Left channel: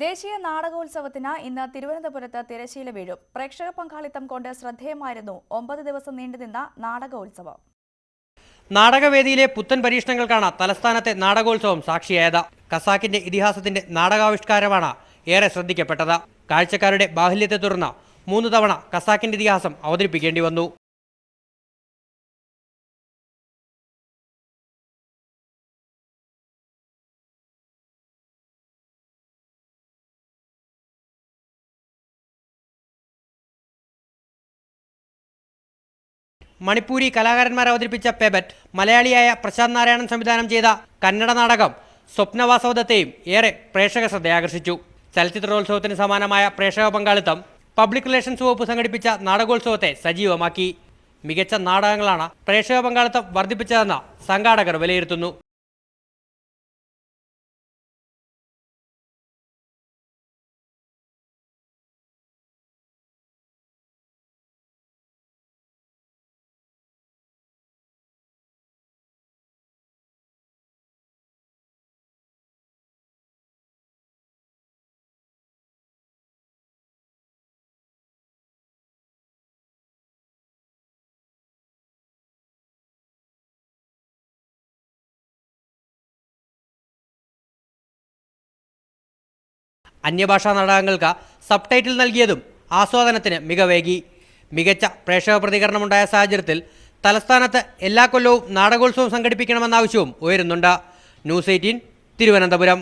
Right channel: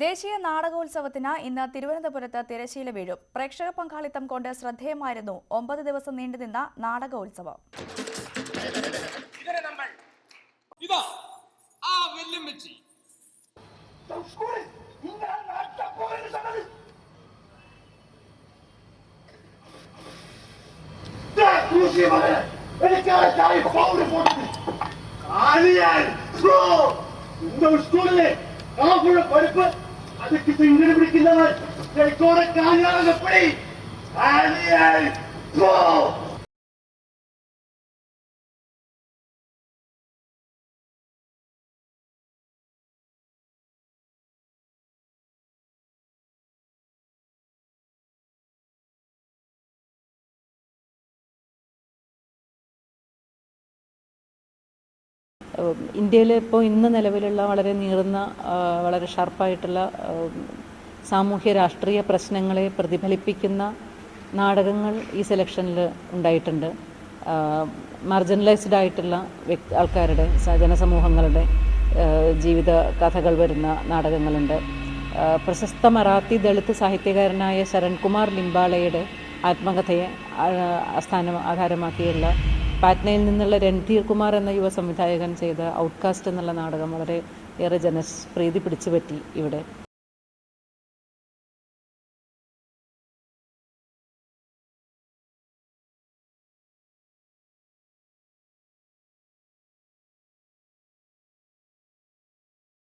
ദേശീയ നാടകോത്സവത്തിന് ഇന്ന് തിരുവനന്തപുരത്ത് തിരശ്ശീല വീഴും. പ്രേക്ഷക പങ്കാളിത്തം കൊണ്ട് ശ്രദ്ധേയമായിരുന്നു ഒമ്പത് ദിവസം നീണ്ടുനിന്ന നാടകോത്സവം. നാടകവേദിയിലെ പുത്തൻ പരീക്ഷണങ്ങൾക്കാണ് തലസ്ഥാനത്തെ നാടകോത്സവം സാക്ഷിയായത്. കസാക്കിന്റെ ഇതിഹാസത്തിന്റെ നാടകാവിഷ്കാരമാണ് ഏറെ ശ്രദ്ധിക്കപ്പെട്ടത്. കാഴ്ചക്കാരുടെ ബാഹുല്യത്തെ തുടർന്ന് മൂന്ന് തവണ കസാക്കിന്റെ ഇതിഹാസം അവതരിപ്പിക്കേണ്ടി വന്നു. ബ്രോ സ്കൂളിലെ ஸ்கூல்ல காப்புள்ள பருப்பு அதுக்கு இங்கிட்டு பிடிக்கிறவன் എനിക്കോടെ കാഞ്ഞാലും எப்படி ആലിയാൻ ബ്രോ മണിപ്പൂരി കലാകാരന്മാർ അവതരിപ്പിച്ച പെബറ്റ് മലയാളിയായ പ്രശാന്ത് നാരായണൻ സംവിധാനം ചെയ്ത കന്നഡ നാടകം സ്വപ്നവാസവദത്തെയും ഏറെ പ്രേക്ഷക ശ്രദ്ധയാകർഷിച്ചു ചലച്ചിത്രോത്സവത്തിന് സമാനമായ പ്രേക്ഷക പങ്കാളിത്തം പബ്ലിക് റിലേഷൻസ് വകുപ്പ് സംഘടിപ്പിച്ച നാടകോത്സവത്തെ സജീവമാക്കി മികച്ച നാടകങ്ങളാണ് പ്രേക്ഷക പങ്കാളിത്തം വർദ്ധിപ്പിച്ചതെന്ന് സംഘാടകർ വിലയിരുത്തുന്നു. ഇന്ത്യയിൽ ഇപ്പോൾ ഇന്ന് നിലവിലുള്ള വളരെ നീറുന്ന വളരെ ഷാർപ്പായിട്ടുള്ള സാമൂഹ്യ രാഷ്ട്രീയ പ്രശ്നങ്ങളെ പ്രതിഫലിപ്പിക്കുന്ന നാടകങ്ങൾ ഈ സെലക്ഷനിൽ ഉണ്ടായിട്ടുണ്ട്. മാർജിനലൈസ്ഡ് ആയിട്ടുള്ള വ്യക്തി ആൾക്കാരുടെ ജനസമൂഹങ്ങളുടെ ജീവിത കഥകൾ വരുന്ന നാടകങ്ങളുണ്ട്. പ്രശസ്ത മറാത്തി ദളിത് സാഹിത്യകാരനായ ശരൺകുമാർ ലിംബാളയുടെ ആത്മകഥയെ സ്ഥാനം ആധാരമാക്കിയുള്ള പാറ്റ്നയിൽ നിന്നുള്ള രൺധീർ കുമാർ എന്ന യുവ സംവിധായകൻ ചെയ്ത ഔട്ട്കാസ്റ്റ് എന്നുള്ള നാടകം വളരെ ഏറെ ജനപ്രീതി പിടിച്ചുപറ്റി ഇവിടെ. അന്യഭാഷാ നാടകങ്ങൾക്ക് സബ് ടൈറ്റിൽ നൽകിയതും ആസ്വാദനത്തിന് മികവേകി. മികച്ച പ്രേക്ഷക പ്രതികരണമുണ്ടായ സാഹചര്യത്തിൽ തലസ്ഥാനത്ത് എല്ലാ കൊല്ലവും നാടകോത്സവം സംഘടിപ്പിക്കണമെന്ന ആവശ്യവും ഉയരുന്നുണ്ട്. News eighteen Thiruvananthapuram.